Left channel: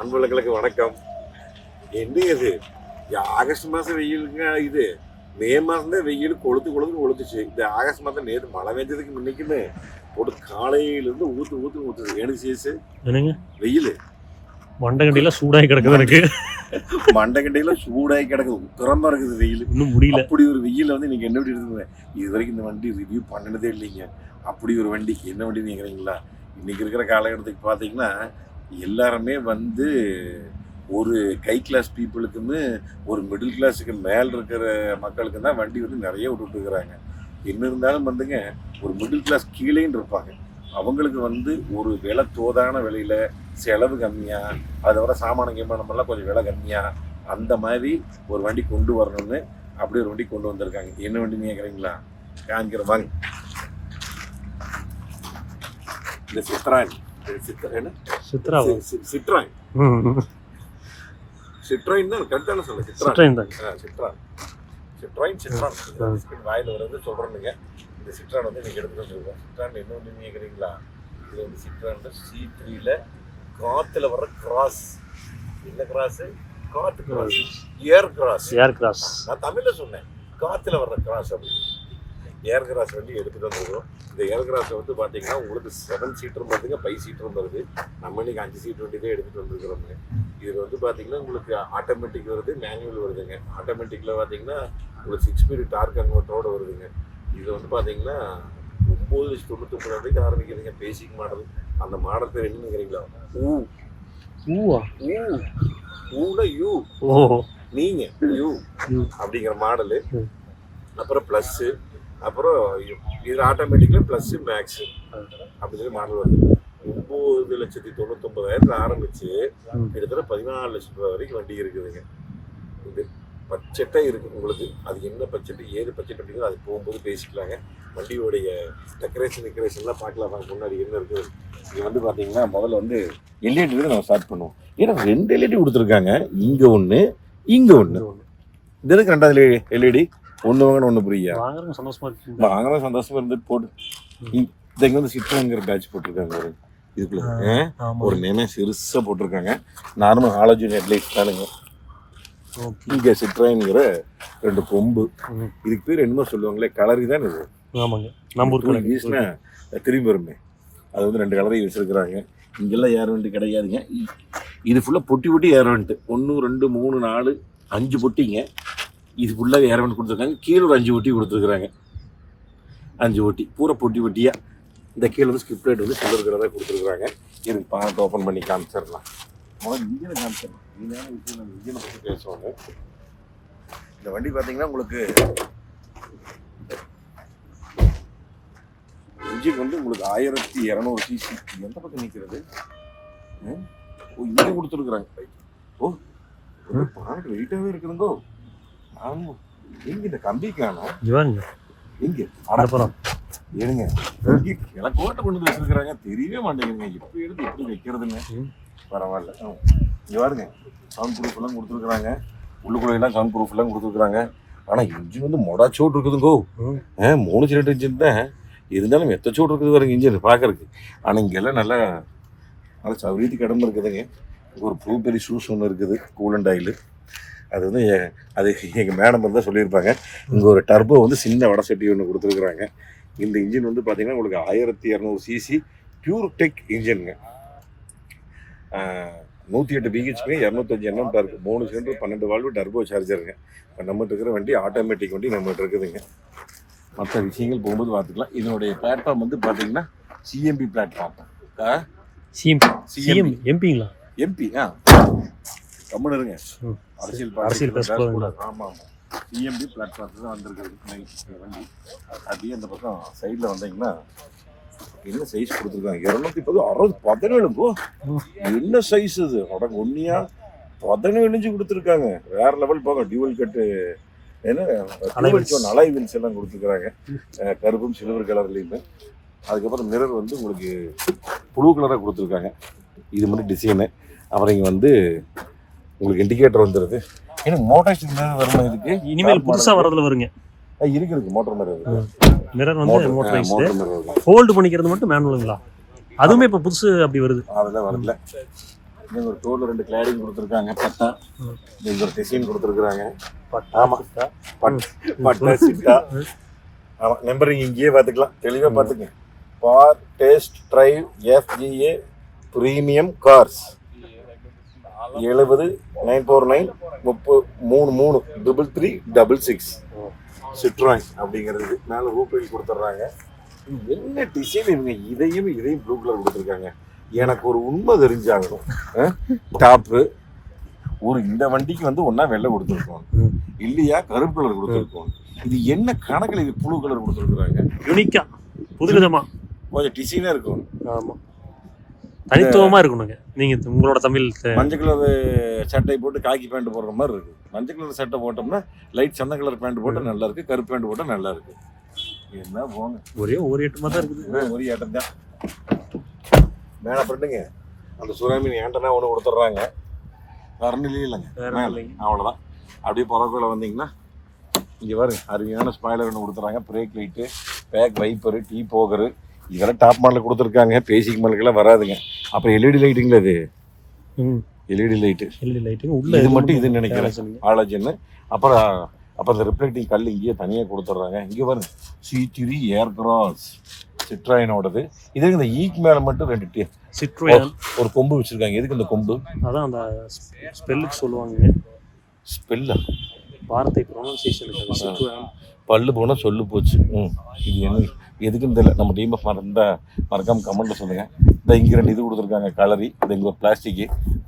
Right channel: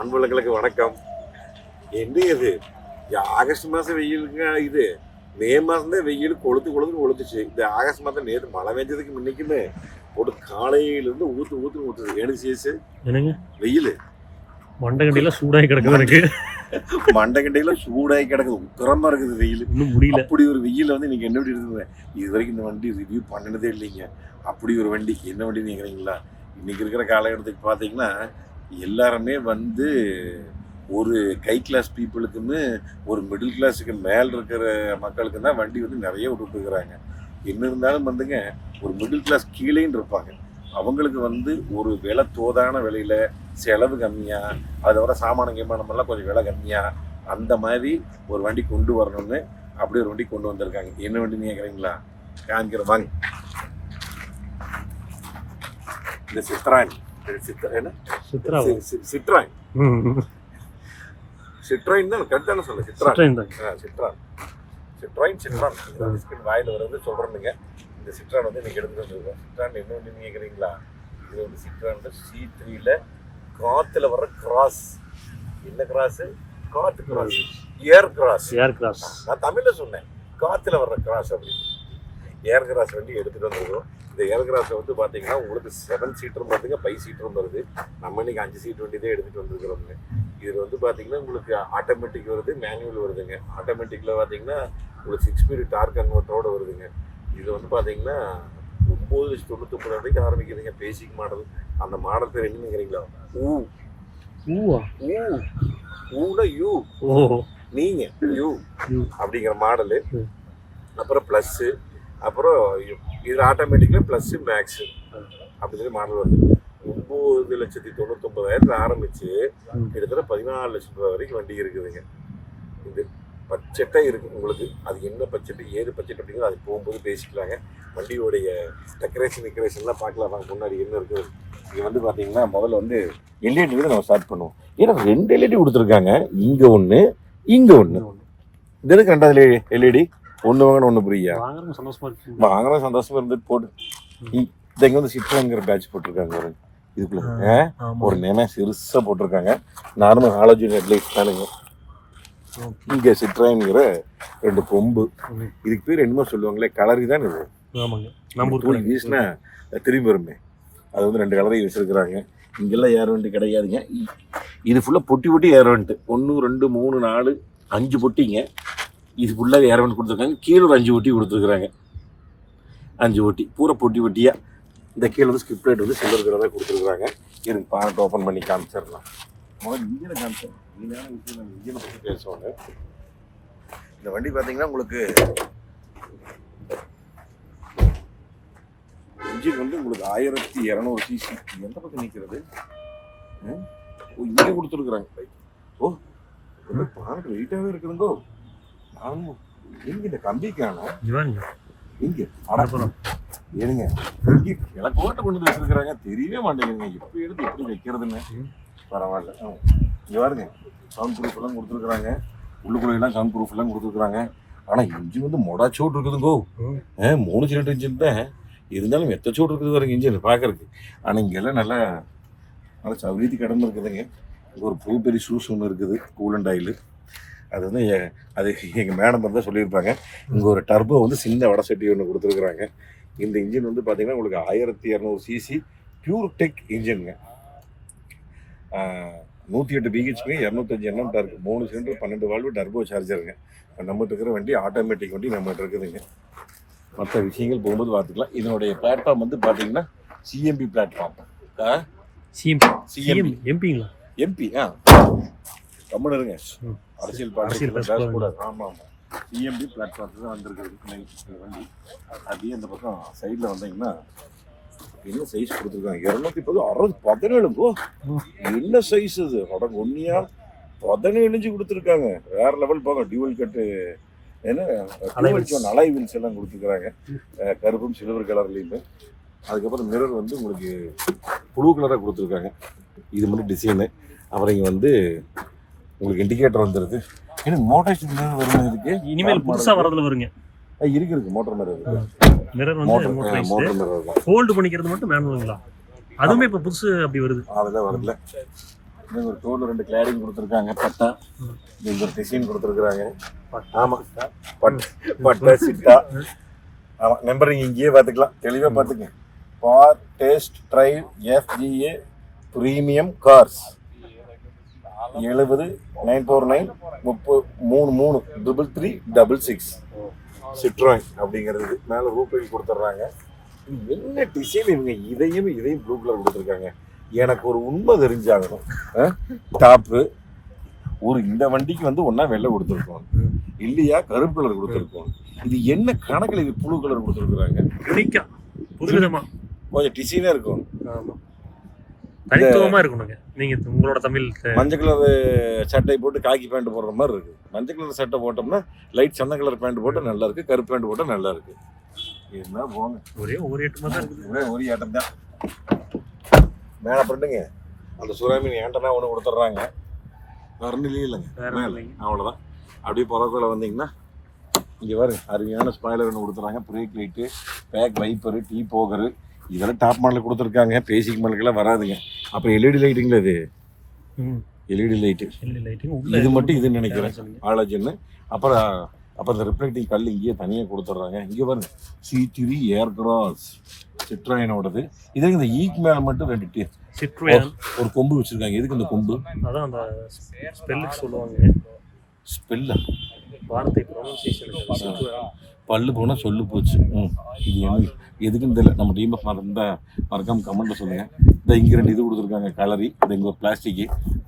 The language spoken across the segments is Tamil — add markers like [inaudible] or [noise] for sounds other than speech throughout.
அன்புகளுக்கு வணக்கம். என்ன இது? ஆகஸ்ட் மாதம் வெயிலுங்க இது. மே மாதம் தான் வெயில் கொளுத்து கொளுத்து கொளுத்துச்சு. இந்த ஆகஸ்ட் மாதம் நேற்று மழை பெஞ்சதுக்கு முன்னைக்குமே போட்டு காலையிலேருந்து ஊற்று ஊற்று ஊற்றுது எனக்கு சேசு என்னங்க? வெயில். மண்டகண்டியில சூடாகி கிடக்குது எனக்கு. [laughs] மண்டகண்டையில சூடாகி கிடக்குது. உக்கரமா இருக்குது வெயில். இன்னும் முடியல. அப்படி ஒரு வெயில் வந்து நீங்க என்ன வண்டி இருக்குது இது வரைக்கும் இந்த வண்டி ரிவ்யூ பண்ணினதே இல்லைங்க. அப்படி ஒரு வண்டி. என்ன வண்டி கேக்குறீங்களா? இன்னைக்கு இருக்கிற காலகட்டத்துக்கு பார்த்தீங்கன்னா எல்லாருமே வந்து ஒரு கை கிளாஸ் பீப்புளுக்குன்னு ஒரு மிடில் கிளாஸுக்கு மேல் இருக்கிற மக்களுக்கு தான் வண்டி வந்து நிறைய விட்டுட்டுருக்குறாங்க. என்ன இருந்தாலும் வந்துங்க ஒரு மிடில் கிளாஸ் கீழேன்னு இருப்பாங்க. அவங்களுக்கு வந்து ஒரு விலை தோதான விலையில் செலவு கம்மியாக அதை விட சாமான கீமானம் எல்லாம் கொஞ்சம் விலை கம்மியாக அந்த மாதிரி ஒரு வண்டி கொண்டு வரணும்னு அப்படி ஒரு வண்டி கொண்டு வந்திருக்காங்க. என்ன வண்டி கேட்குறீங்களா? காமிக்கிற வாங்க. இந்த சித்ராணி. சித்ரா என்ன? சித்ரா சி- சி- சிட்ரான் சிட்ராயின் தான் கரெக்டான சொல்ல தாங்க ஆ, சிட்ரான் சிட்ராயின் சிட்ரான் வாயில் வர்றது சொல்கிறேனுங்க இந்த சிட்ரான் வந்து நீங்கள் வந்துருக்கோம். சிட்ரான் வண்டி கேட்குறீங்களா இது வந்து சிட்ரான் சி த்ரீல காற்றுல வர்ற கிராஸ் என்ன கிராஸு காற்று கிராஸ் ஏர் கிராஸ் ஏர் கிராஸ் நான் தமிழ்ல சொன்னேன். காத்துல வர்ற கிராஸ் அப்படி. ஏர் கிராஸ் வண்டி எடுத்துட்டு வந்துருக்கோம். இந்த ஏர் கிராஸ் வந்து பாத்தீங்கன்னா உங்களுக்கு செவன் சீட்டரும் வருதுங்க ஃபைவ் சீட்டரும் வருது. நம்ம இன்னைக்கு அஞ்சு சீட் வண்டி தான் எடுத்துட்டு வந்திருக்கிறோங்க இது வந்து பாத்தீங்கன்னா உங்களுக்கு ஆட்டோமேட்டிக் வருது மேனுவல் வருதுங்க. ஆட்டோமேட்டிக்ல பாத்தீங்கன்னா உங்களுக்கு சிக்ஸ் ஸ்பீடு டார்க் கன்வெர்ட்டரோட வருதுங்க. இது வந்து பாத்தீங்கன்னா ஒம்பது லட்சத்தி தொண்ணூத்தொம்பது வரைக்கும் ஆரம்பிக்குதுங்க பேசிக் மாடல் அந்த மாடல் பேர் என்ன நினைக்கிறீங்களா ஊ. ஊவா? ஊ. ஊல யூ. ஓ நீங்க யூ. அப்படிங்கிற மாடலு. அப்புறம் ப்ளஸ்ஸு அப்புறம் இது ஆட்டோமேட்டிக்கில் ப்ளஸ்ஸு மேக்ஸு அப்படி சொல்லி மாடல் வருது. ஒம்பது லட்சத்தி தொண்ணூத்தொம்பதாயிரத்துல ஆரம்பிச்சு ம். கிட்டத்தட்ட பதினாலு லட்சம் ரூபாய் வரைக்கும் வண்டி இருக்குதுங்க. இது பட்ஜெட்டே இருக்குது உங்களுக்கு. அது என்ன பட்ஜெட் ஏது பட்ஜெட் அப்படிங்கிறது அது போகும்போது பேசிக்கலாங்க. வண்டியோடைய டெக்கரேஷன் டெக்கரேஷன்லாம் பார்க்கலாம். வாங்க முன்னாடி என்ன இருக்குது? இது வந்து பார்த்தீங்கன்னா முதல்ல வந்து எல்இடி நம்ம ஸ்டார்ட் பண்ணுவோம். ஏன்னா ரெண்டு எல்இடி கொடுத்துருக்காங்க. இங்கே ஒன்று இங்கே ஒன்று இது எதுக்கு ரெண்டாவது எல்இடி ஒன்று வாங்கணும் ஒன்று புரியா? வாங்குறவங்க சந்தோஷமா இருக்கு வாங்கினா சந்தோஷமா இருந்துட்டு போடு இங்கே வந்து சிட்ரோங்கிற பேட்ச் போட்டிருக்காங்க ஒரு இதுக்குள்ள ஒரு நேமே சிறுசாக போட்டிருக்காங்க. நார்மல் ஹாலோஜன் ஹெட்லைட் தானுங்க இங்கே சிட்ராங்கிற ரெண்டு கொம்பு. இதுக்கு பேர் என்னமோ சொல்லுவாங்களே கலரி தான் இது. ஆமாங்க. நம்ம ஊர் வீசினா திரும்பி வருமே. அது வந்து ரெண்டு கலரையும் வச்சிருக்கிறாங்க இங்கெல்லாம் ஏர் வண்டி கிடையாதுங்க. இது ஃபுல்லாக பொட்டி பொட்டி ஏர் வண்ட்டு ஒன்று ரெண்டு மூணு நாலு அஞ்சு பொட்டிங்க. இது ஃபுல்லாக ஏர் கொடுத்துருக்காங்க. கீழே ஒரு அஞ்சு ஒட்டி கொடுத்துருக்குறாங்க. அஞ்சு ஒட்டி பூரா பொட்டி ஒட்டியாக இந்த கீழே வந்து ஸ்கிரிப்ட் ரைட் வந்து சில்லர் கலராக கொடுத்துருக்குறாங்க. எனக்கு பானத்தை ஓப்பன் பண்ணி காமிச்சிடலாம். முதல்ல இன்ஜினை காமிச்சிடலாம். மெயினான விஷயம் நம்ம இன்ஜினை பற்றி பேசுவாங்க இந்த வண்டி பார்த்தீங்கன்னா உங்களுக்கு இன்ஜின் வந்து உங்களுக்கு ஆயிரத்தி இரநூறு சிசி எந்த பக்கம் நிற்கிறது ஓ இங்கே கொடுத்துருக்குறாங்க. ஓ பானட் வெயிட்டாகவே இருக்குதுங்கோ. ஆமாம் எங்க இந்த கம்பி காணோம். இவாங்க எங்க அப்புறம் ஏனுங்க. இங்க கிழக்கோட்டை கொண்டு வந்து வச்சிருக்கிறாங்க. தெரியவே மாட்டேங்குதுங்க. எப்படி எடுத்து எப்படி வைக்கிறதுன்னு. பரவாயில்ல. இங்க பாருங்க. சவுண்ட் ப்ரூஃப் எல்லாம் கொடுத்துருக்குறாங்க. உள்ளுக்குள்ள எல்லாம் சவுண்ட் ப்ரூஃப் எல்லாம் கொடுத்துருக்குறாங்க. ஆனா இன்ஜின் வந்து மொடாச்சோட்டு இருக்குதுங்கோ. ம். ஏ மூணு சிலிண்டர் இன்ஜின் தான். இருந்தாலும் எத்த சோடு இருக்குது பாருங்க இன்ஜின் பார்க்கறதுக்கு ஆனால் இங்கெல்லாம் நல்லா நல்லா சௌரியத்து கிடந்து இருக்குதுங்க. ஒரு ப்ளூபெரி ஷூஸ் ஒன்று இருக்குது. கூலண்ட் ஆயில் அது வந்து அது எங்கள் மேடம் தான் சொல்லியிருப்பாங்க. இங்கே ஒரு டர்போ வந்து சின்ன வடை சட்டி ஒன்று கொடுத்துருக்குறாங்க. இந்த இன்ஜின் வந்து பார்த்தீங்கன்னா உங்களுக்கு ஆயிரத்தி இரநூறு சிசி பியூர் டெக் இன்ஜினுங்க நூற்றி எட்டு பிஹெச்பி இரநூத்தஞ்சு எண்ணம் டார்க் மூணு சிலிண்டர் பன்னெண்டு வால்வு டர்போ சார்ஜருங்க இப்போ நம்மகிட்ட இருக்கிற வண்டி ஆட்டோமேட்டிக் வண்டி நம்மகிட்ட இருக்குதுங்க. மற்ற விஷயங்கள் போகும்போது பார்த்துக்கலாம் இதனுடைய பிளாட்ஃபார்ம் வந்து பார்த்தீங்கன்னா CMP platform CM CM CMP எம்பிங்களா MP ஆ. கம்முன்னு இருங்க. அரசியல் அரசியல் ஆமாம். ஆமாம் சிஎம்பி பிளாட்ஃபார்ம் தான் வந்திருக்குது வண்டி அப்படியே அந்த பக்கம் சைடில் வந்தீங்கன்னா என்ன சைஸ் கொடுத்துருக்காங்க? இரநூத்தி பத்து அறுபது பதினேழு போ. என்ன சைஸ் இது? உடனே ஒன்னியா பதினேழு இன்ச்சு கொடுத்துருக்காங்க. வேற லெவல் போக டியூவல் கட்டு என்ன. அலை வீல்ஸ் எல்லாம் கொடுத்துருக்காங்க. அஹ் கருப்பும் சில்வர் கலர்லேயுமே அதுக்கப்புறம் மிரர் வந்து உங்களுக்கு ப்ளூ கலராக கொடுத்துருக்காங்க. இது மாதிரி டிசைனு அப்புறம் இங்கே வந்து உங்களுக்கு இண்டிகேட்டர் வந்துடுது ஏன்னா மோட்டார் மிரர் வரணும் இதுக்கு இனிமேல் புதுசா வரதுல வருங்க. இருக்கு. இருக்கு மோட்டார் மிரர் மிரர் வந்து மோட்டர் மிரர் தான். ஹோல்டு பண்ணிக்கிறது மட்டும் மேனுவலுங்களா அதுவுமே இப்போ புதுசு அப்படி வருது. அதெல்லாம் வரல. இங்க ஒரு டோர்ல ரெண்டு கிளாடிங் கொடுத்துருக்காங்க பட்டா. இங்க ஒரு டிசைன் கொடுத்துருக்காங்க பட்டா. ஆமா. பட் பட்டா சிட்டா. ஆமா நம்பர் நீங்க இங்கேயே பார்த்துக்கலாம். தெளிவா பார்த்துங்க. For test drive FGA premium cars எழுபது நைன் ஃபோர் நைன் முப்பது மூணு மூணு டபுள் த்ரீ டபுள் சிக்ஸ் சிட்ராய் அப்படிங்கிறது மேலே ரூபாய் கொடுத்துட்றாங்க என்ன டிசைன் இவங்க இதையும் இதையும் ப்ளூ கலர் கொடுத்துருக்காங்க? எனக்கு ஒரு உண்மை தெரிஞ்சாகணும். டாப்பு ஒரு இந்த வண்டிக்கு வந்து ஒன்றா வெள்ளை கொடுத்துருக்கோம். இல்லையா? கருப்பு கலர் கொடுத்துருக்கோம். இது என்ன கணக்கில் இது ப்ளூ கலர் கொடுத்துருக்குறாங்க? யுனிக்கா புதுவிதமா. கொஞ்சம் டிசைனாக இருக்கும். ஆமா. தனித்துவமா இருக்கணுங்க. நீங்க உங்களோட தமிழ் மஞ்சள் கலர் சட்டை போட்டு காக்கி பேண்ட் போடுற மாதிரி இருக்கு. மஞ்சள் கலர் சட்டை போட்டோம்னா லைட் சந்த கலர் பேண்ட் போட்டால் நல்லா இருக்கு கருப்பு பேண்ட் போட்டால் நல்லா இருக்கு. என்ன போங்க. ஒரே ஒரு எட்டுமா தான் இருக்குது. ஒரே ஆட்டம் தான். மேலே பண்ணுங்க அந்த சுறாமீன் ஏண்டனா ஒன்று கொடுத்துட்றாங்க. வரணிலே இல்லைங்க. வேற மேல. இல்லைங்க. அவ்வளோதான் அப்படியே புறக்குள்ள வந்தீங்கன்னா இங்கே பாருங்க அருமையான ஸ்பாய்லர் ஒன்று கொடுத்துறாங்க brake light back wiper defogger இதெல்லாம் டாப் மாடலில் கொடுத்துருக்காங்க. பேசிக் மாடலுக்கெல்லாம் வராதுங்க. அப்புறம் எல்இடி லைட்டுங்களா இது ம். எல்இடி லைட்டு எல்இடி லைட்டு இது மட்டும் இது நினைக்கிறேன். ஆலஜன்னு அப்புறம் அப்புறம் இந்த ரிஃப்ளெக்டிங் கல் இங்கேயே தனியாக கொடுத்துட்றாங்க. இங்கே பாருங்க. சி த்ரீ ஏர் கிராஸ் சிட்ராயினோடது இதுக்கு இந்த ஈக் மேலே மட்டும் ரெண்டு டி- சிட்ரோயன் ஒரு கொம்பு வச்சுருக்காங்க. எதுக்கு இந்த கொம்பு? அதான் அந்த ஸ்பெல்லுக்கு சொல்லுவாங்க. ஸ்பெல்லா வார்த்தை ப்ரொனன்சியேஷனுக்கு சிட்ரோயன் பல்லு போனால் சொல்லு போச்சு. ம். இது என்ன எதுக்குன்னு தெரியல. நம்ம டீமை மறந்தா மறக்காமல் கமெண்ட்டில் சொல்லுங்கள் இந்த இங்கே ரெண்டு இது கொடுத்துருக்காங்க கலரி இந்த இங்கே பிளாஸ்டிக்கு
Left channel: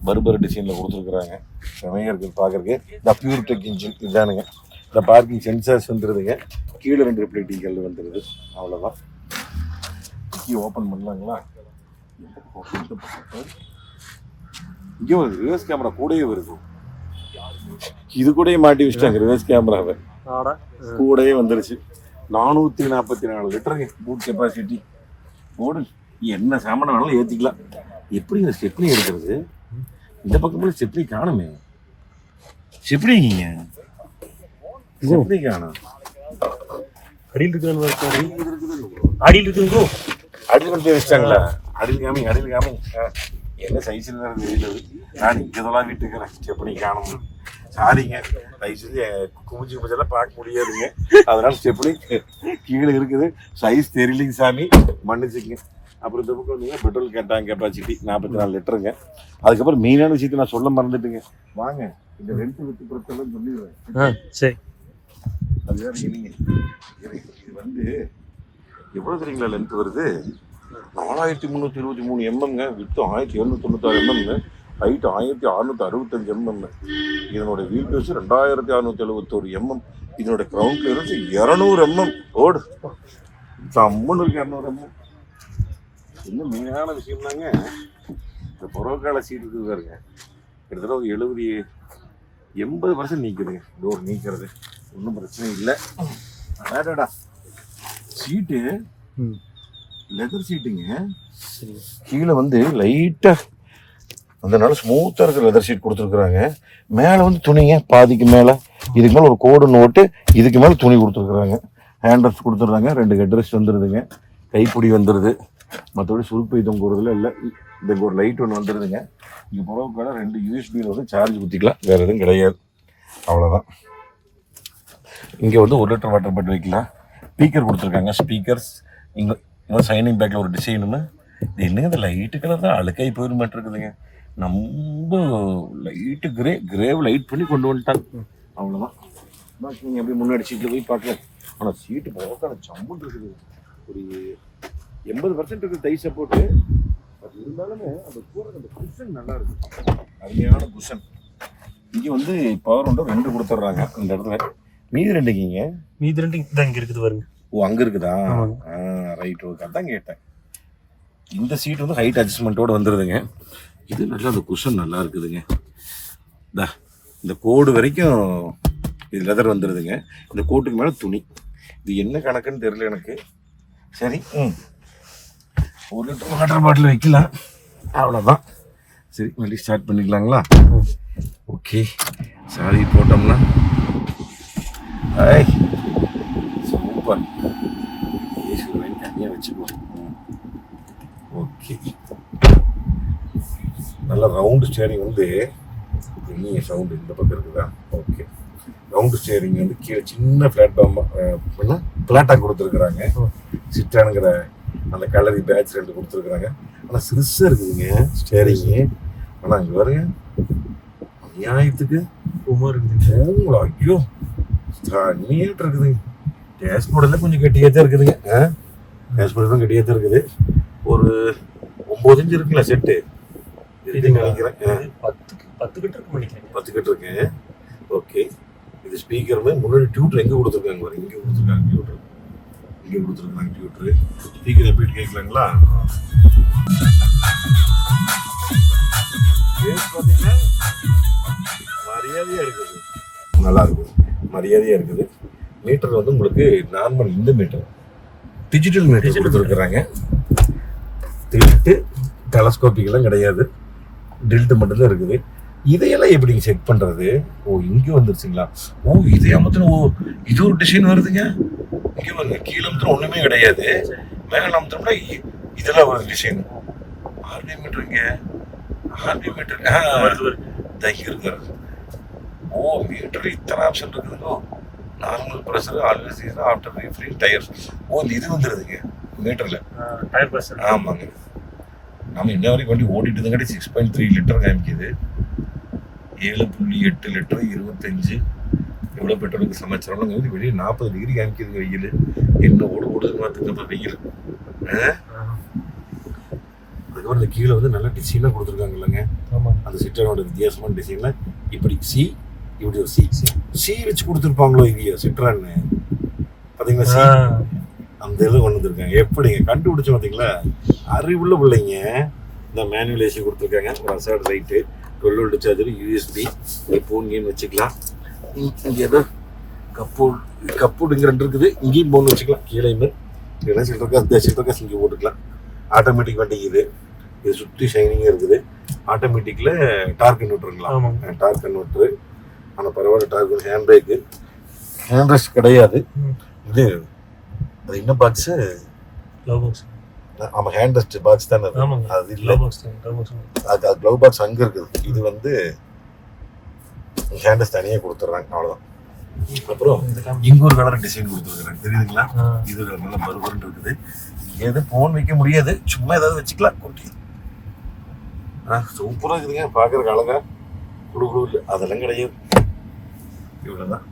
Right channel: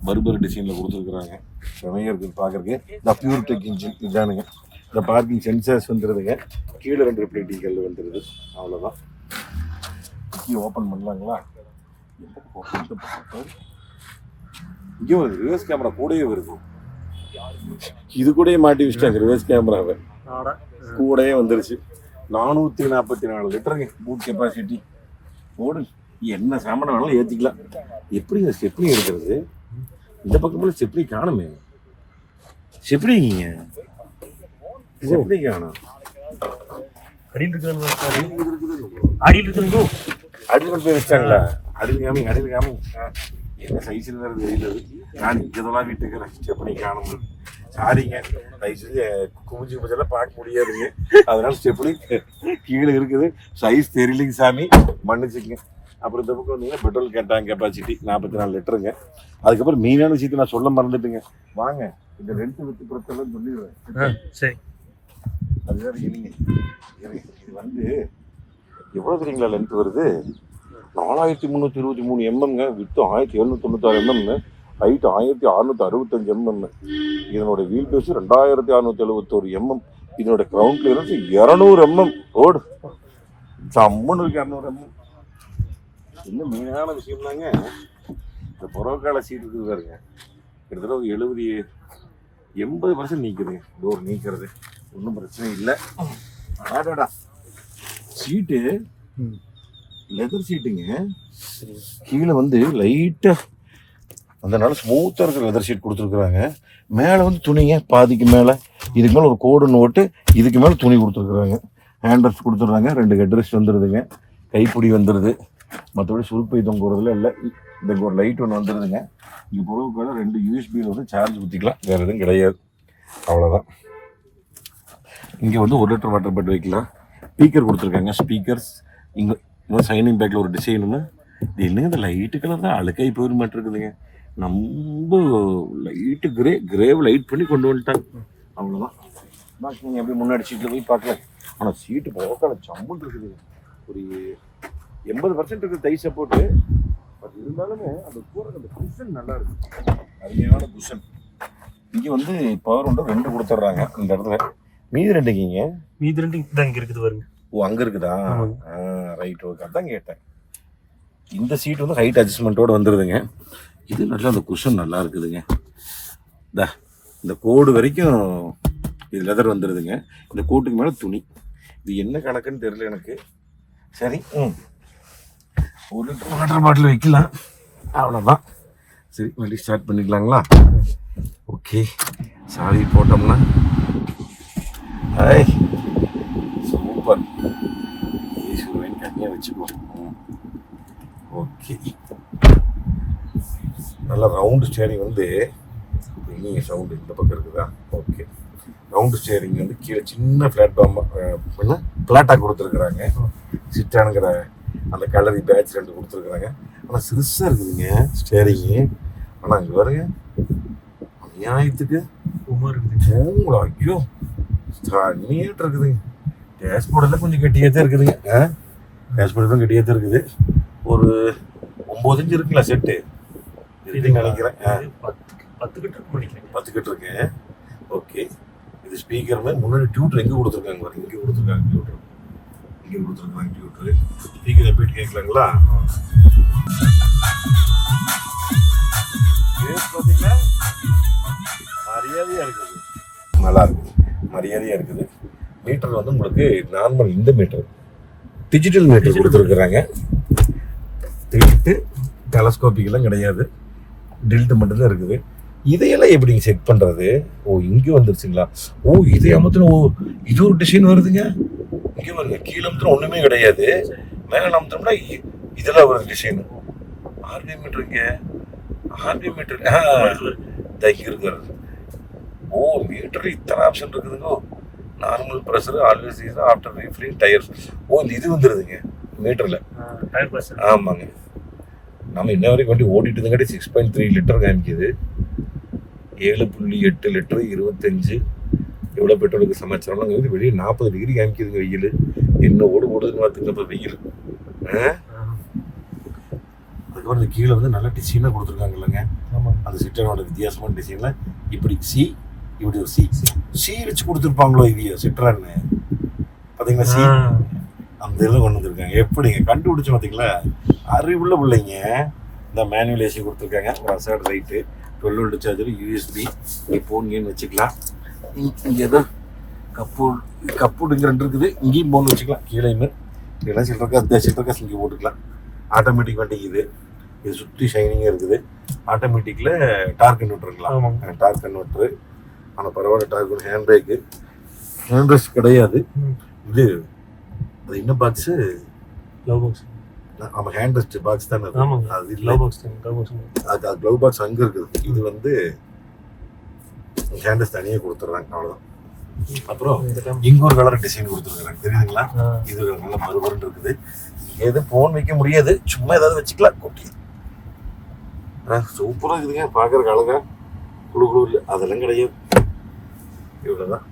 பர்பர் டிசைனில் கொடுத்துருக்குறாங்க. செமையாக இருக்குது பார்க்குறக்கு இந்த பியூர் டெக் இன்ஜின் இதுதானுங்க. இந்த பார்க்கிங் சென்சர்ஸ் வந்துடுதுங்க கீழே ரெண்டு ரிஃப்ளெக்டிங் வந்துடுது அவ்வளோதான் கீ ஓப்பன் பண்ணலாங்களா? இங்கே ஒரு ரிவர்ஸ் கேமரா கூடயே வருது. இது கூடயே மாட்டி வச்சுட்டாங்க ரிவர்ஸ் கேமராவை ஆடா. கூடயே வந்துருச்சு. நானூற்றி நாற்பத்தி நாலு லிட்டருங்க பூட் கெப்பாசிட்டி ஓடு என்ன சாமான வேணாலும் ஏற்றிக்கலாம் எப்படி இந்த ஸ்டெப்னி எடுக்கிறது? இந்த பக்கமும் ஸ்டெப்னி காணுமே. ஸ்டெப்னிங்க ஸ்டெப்னி காணும். அடியில் இருக்கிற அடியில் இருக்குது அடியில் கொண்டு போய் வச்சிட்டாங்களா அடியில் காமி அடியில் காமி. என்ன சைஸில் தெரியல. நான் இங்கே தான் வீட்டுக்கிறேன் ஸ்டெப்னி காணும்? சாரிங்க. தயவு செஞ்சு குமிஞ்சு குமிஞ்செல்லாம் பார்க்க முடியாதுங்க. அதனால ஸ்டெப்னி கீழே இருக்குது. சைஸ் தெரியலைங்க சாமி. மன்னிச்சுங்க அப்புறம் இந்த பக்கம் வந்தீங்கன்னா பெட்ரோல் கேட்டாங்க கெப்பாசிட்டி நாற்பத்தி நாலு லிட்டருங்க. அதுக்கப்புறம் மெயினான விஷயத்தை நான் சொல்ல மறந்துட்டுங்க. வாங்க. இந்த ரெண்டு வித்து பொறுத்தெல்லாம் சொல்லிடுறேன். ஆ சரி. இது வந்து எவ்வளோ தெரியுங்களா லென்த் வருது? நாலாயிரத்தி முந்நூற்றி இருபத்தி மூணு எம்எம்ங்க வித்து ஆயிரத்தி எழுநூத்தி தொண்ணூத்தாறு எம்எம்ங்க ஹைட் ஆயிரத்தி அறுநூத்தி அறுபத்தஞ்சு எம்எம் இதனோட வீல் பேஸ் ரெண்டாயிரத்தி அறுநூத்தி எழுபத்தோரு எம்எம் இதனோட கிரவுண்ட் கிளியரன்ஸ் இரநூறு எம்எம் ஓடு சம்மன் இருக்கு இரநூறு எம்எம் இன்னும் மெயினான விஷயம்னாங்க இந்த புறக்கால சீட் இருக்குது பாருங்க. கிட்டத்தட்ட ஒரு எழுபது எண்பது பர்சன்ட் நீக்குதுங்க டோர் நீக்கிறது. ஒன்றும் பிரச்சனை இல்லை. அடாடா. சீட்டு லெதர் சீட்டுங்க கீழே வந்து லைட்டாக அதனால ஸ்மூத்தாக இருக்கிற லெதர் ஷீட் கொடுத்துருக்குறாங்க. மேலே வந்து துணிங்க பாதிக்கு மேலே. இதுக்கு மேலே ஒரு கோடு நோட்டு இதுக்கு மேலே துணி கொடுத்துருக்குறாங்க. ஹேண்ட்ரஸ் கொடுத்துட்றாங்க. ரெண்டு ஹெட்ரஸ் வந்துடுதுங்க கைப்பிடி வந்துடுது மற்றபடி சுருப்பை தொங்குறதுல இல்லை. இந்த ஒரு லைட் ஒன்று வந்துடுதுங்க இங்கே புறவுக்கால ரெண்டு யூஎஸ்பியில் வந்து சார்ஜ் ஊற்றிக்கலாம் வேறு எதுவும் கிடையாது. அவ்வளோதான் இங்கே வந்து ஒரு லிட்டர் வாட்டர் பாட்டில் வைக்கலாம். ஸ்பீக்கர் கொடுத்துருக்காங்க. ஸ்பீக்கர்ஸ் இங்கே இன்னும் சைனிங் பேக்கில் ஒரு டிசைனுன்னு இது என்னங்க இந்த லைட்டு கலர் தான். அழுக்காய் போயிட மாட்டிருக்குதுங்க நம்ம லைட்டு கிரே கிரேவ் லைட் பண்ணி கொண்டு வந்துட்டாங்க. அவ்வளோதான் பாக்கி நீங்கள் அப்படியே முன்னாடி சீட்டில் போய் பார்க்கல ஆனால் சீட்டு போக்கால ஜம்முன்னு இருக்குது. ஒரு எண்பது பர்சன்ட் இருக்குது தை சப்போர்ட்டு பட் இருந்தாலுமே அந்த கூரை அந்த குஷன் நல்லா இருக்கு. அருமையான குஷன் இங்கே வந்து பவர் உண்டு ரெண்டு கொடுத்துட்றாங்க இந்த இடத்துல. மீதி ரெண்டுக்கிங்க மீதி ரெண்டு தான் இங்க இருக்குது பாருங்க. ஓ அங்கே இருக்குதா. ரைட் ஓகே அதான் கேட்டேன். இந்த சீட் வந்து ஹைட் அட்ஜஸ்ட்மெண்ட்டோட வந்துடுதுங்க இது நல்லா அந்த குஷன் நல்லா இருக்குதுங்க. தா இந்த கோடு வரைக்கும் இது லெதர் வந்துடுதுங்க இந்த கோட்டுக்கு மேலே துணி. இது என்ன கணக்குன்னு தெரியல எனக்கு. சரி ம். ஒரு லிட்டர் வாட்டர் பாட்டில் வைக்கலாம். அவ்வளோதான் சரி வண்டி ஸ்டார்ட் பண்ணிக்கலாங்களா? ஓகே. சாவி போட்டோம்னா. ஐ சூப்பர். ஈஸ்வரன் தனியாக ஓகே. நல்ல ரவுண்டு ஸ்டேரிங் வந்து நீங்கள் சவுண்டு இந்த பக்கம் இருக்குதா? ஓகே ரவுண்டு ஸ்டேரிங் வந்து கீழே சின்ன பிளாட்ஃபார்ம் பிளாட்டாக கொடுத்துருக்குறாங்க. சிட்டானுங்கிற அந்த கலரி பேட்ச் ரெண்டு கொடுத்துருக்குறாங்க. ஆனால் சிறுசாக இருக்குதுங்க ஸ்டேரிங்கு ஆனால் அங்கே பாருங்க நியாயத்துக்கு உமா இருக்குது ஐயோ தண்ணியாட்டு இருக்குதுங்க டேஷ்போர்டெல்லாம் கொஞ்சம் கெட்டியாக தான் இருக்குதுங்க டேஷ்போர்டெல்லாம் கெட்டியாக தான் இருக்குது. ஒரு ஒம்பது இன்ச்சு இருக்குங்களா செட்டு இருக்குன்னு நினைக்கிறேன் பத்துக்கு பத்து கிட்ட இருக்கும் நினைக்கிறேன். பத்து கிட்ட ஓகே இது ஸ்பீக்கருமே முன்னாடி டியூட்டர் எங்கே கொடுத்துருக்காங்க பாருங்க. இங்கே கொடுத்துருக்காங்க டியூட்டர் இங்கே கொடுத்துருக்காங்க டியூட்டர் ஸ்பீக்கர் எப்படி கேட்கலாங்களா? பார்த்தீங்கன்னா மரியாதையாக இருக்குது. நல்லா இருக்குது மரியாதையாக இருக்குது. மீட்டர் வந்து உங்களுக்கு நார்மல் இந்த மீட்டர் டிஜிட்டல் மீட்டர் கொடுத்துருக்குறாங்க. டில்ட்டு டெலஸ்கோப்பிக்கெல்லாம் கிடையாது. டில்ட்டு மட்டும்தான் இருக்குது. இதையெல்லாம் எப்படி செக் பண்ணுறது ஓ இங்கே வந்துருச்சுங்களா? ஓ இதை அமர்த்தின ஓ இது ஒரு டிசைன் வருதுங்க? இங்கே வருங்க கீழே அமர்த்தின ஒன்றுமே கிடையாது. மேலே அமர்த்தினோம்னா இ- இதெல்லாம் வருது டிசைன் ஆர்டி மீட்டருங்க ஆர்டி மீட்டர் ஆ வருது, வருது. தைக்க இருக்காரு ஓ மீட்டர் இத்தனை ஆப்ஷன் இருக்குதுங்க. நார்மல் ப்ரெஷர் ஆல்வேஸ் ஆஃப்டர் ரீஃப்ரீ டயர்ஸ் ஓ இது வந்துடுதுங்க மீட்டரில். டயர் ஆமாங்க. நம்ம இன்ன வரைக்கும் வண்டி ஓட்டிட்டு இருந்தங்காட்டி சிக்ஸ் பாயிண்ட் த்ரீ லிட்டர் காமிக்குது. ஏழு புள்ளி எட்டு லிட்டர் இருபத்தஞ்சு எவ்வளோ பெட்ரோலுக்கு சமாச்சாரம் வந்து வெளியே நாற்பது டிகிரி காமிக்குதுங்க வெயில். என்ன ஓடு ஓடுதுன்னு பார்த்துங்க இப்போ வெயில்? அதுக்கப்புறம் இந்த கீழே வந்து நல்ல டிசைனாக கொடுத்துருக்காங்க இல்லைங்க ஆமாம் அந்த சிட்ரனோட வித்தியாசமான டிசைனில் இப்படி சி இப்படி ஒரு சி சி வச்சு கொடுத்துருப்பாங்களோ இது சிட்ரான்னு பார்த்தீங்களா இதில் கொண்டு வந்திருக்காங்க எப்படிங்க? கண்டுபிடிச்சு பார்த்தீங்களா அறிவுள்ள பிள்ளைங்க இந்த மேனுவல் ஏசி கொடுத்துருக்காங்க side right twelve volt charger USB phone வச்சுக்கலாம். இங்கே ஏதோ கப்போர்ட் கப்போர்டு இங்கே ரெண்டு இருக்குது. இங்கேயும் ஃபோன் வச்சுக்கலாம். கீழேயுமே இல்லைன்னா சில்ட்ரக்காஸ் இந்த சில்ட்ரக்காஸ் இங்கே போட்டுக்கலாம். ஆட்டோமேட்டிக் வண்டி இது. இது சுற்றி ஷைனிங்காக இருக்குது. ஆட்டோமேட்டிக்கில் டார்க் கன்வெர்ட்டருங்களா ஆமாங்க டார்க் கன்வெர்ட்டரு ஆனால் பரவாயில்ல torque hand brake hand rest கிடையாது. இது அது என்ன பாக்ஸு லவ் பாக்ஸ் ஆமாம் ஹேண்ட் ரெஸ்ட் பாக்ஸ் தானே அது. ஆமாங்க. அது லவ் பாக்ஸ் லவ் பாக்ஸ் அது அது க்ளவ் பாக்ஸ் அங்கே இருக்குது. இது வந்து ஹேண்ட் ரெஸ்ட் தனியாக கொடுத்துட்றாங்க அவ்வளோதான் அப்புறம் இங்க ஒரு கலர் டிசைன் கொடுத்துருக்காங்க தெரியுதுங்களா? இது ஒரு நல்ல மறுபடியும் இருக்குது. எது ஃபோன் வைக்க முடியாது. சும்மா ஏதாவது வச்சுக்கலாம். ஆ சூப்பராக இருக்குதுங்க. பார்க்குறக்கு அழகா. குழு குழு இல்லை அதெல்லாம் கிடையாது. இவ்வளோதான்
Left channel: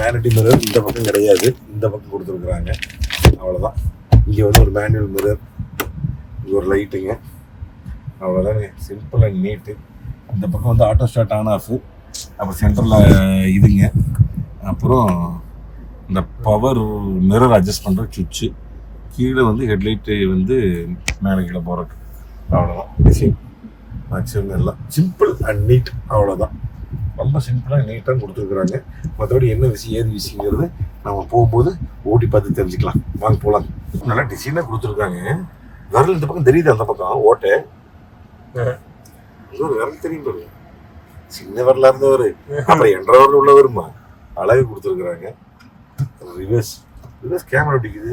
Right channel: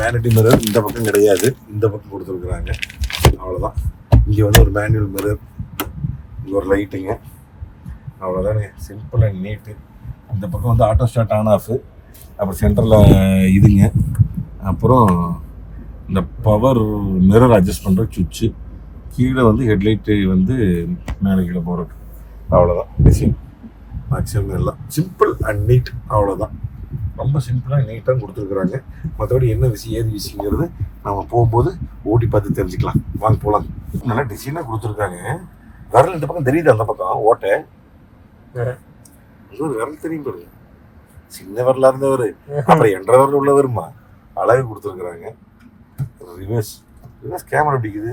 வேனிட்டி மிரர் இந்த பக்கம் கிடையாது. இந்த பக்கம் கொடுத்துருக்குறாங்க. அவ்வளோதான் இங்கே வந்து ஒரு மேனுவல் மிரர் இங்கே ஒரு லைட்டுங்க அவ்வளோதானே சிம்பிள் அண்ட் நீட்டு இந்த பக்கம் வந்து ஆட்டோ ஸ்டார்ட் ஆன் ஆஃப் அப்புறம் சென்டரில் இதுங்க. அப்புறம் இந்த பவர் மிரர் அட்ஜஸ்ட் பண்ணுற சுவிட்சு. கீழே வந்து ஹெட்லைட்டு வந்து மேலே கீழே போகிறது அவ்வளோதான் மேக்ஸிமம் எல்லாம். சிம்பிள் அண்ட் நீட் அவ்வளோதான் ரொம்ப சிம்பிளாக நீட்டாக கொடுத்துருக்குறாங்க. மற்றபடி என்ன விஷயம் ஏது விஷயங்கிறது நம்ம போகும்போது ஓட்டி பார்த்து தெரிஞ்சுக்கலாம். வாங்க போகலாம் நல்லா டிசைனாக கொடுத்துருக்காங்க. விரல் இந்த பக்கம் தெரியுது அந்த பக்கம்? ஓட்டை. ஒரு விரல் தெரியும் பாருங்க. சின்ன விரலா இருந்தவர். அப்புறம் என்ற விரல் உள்ள வருமா அழகு கொடுத்துருக்குறாங்க. ரிவர்ஸ் ரிவர்ஸ் கேமரா பிடிக்குது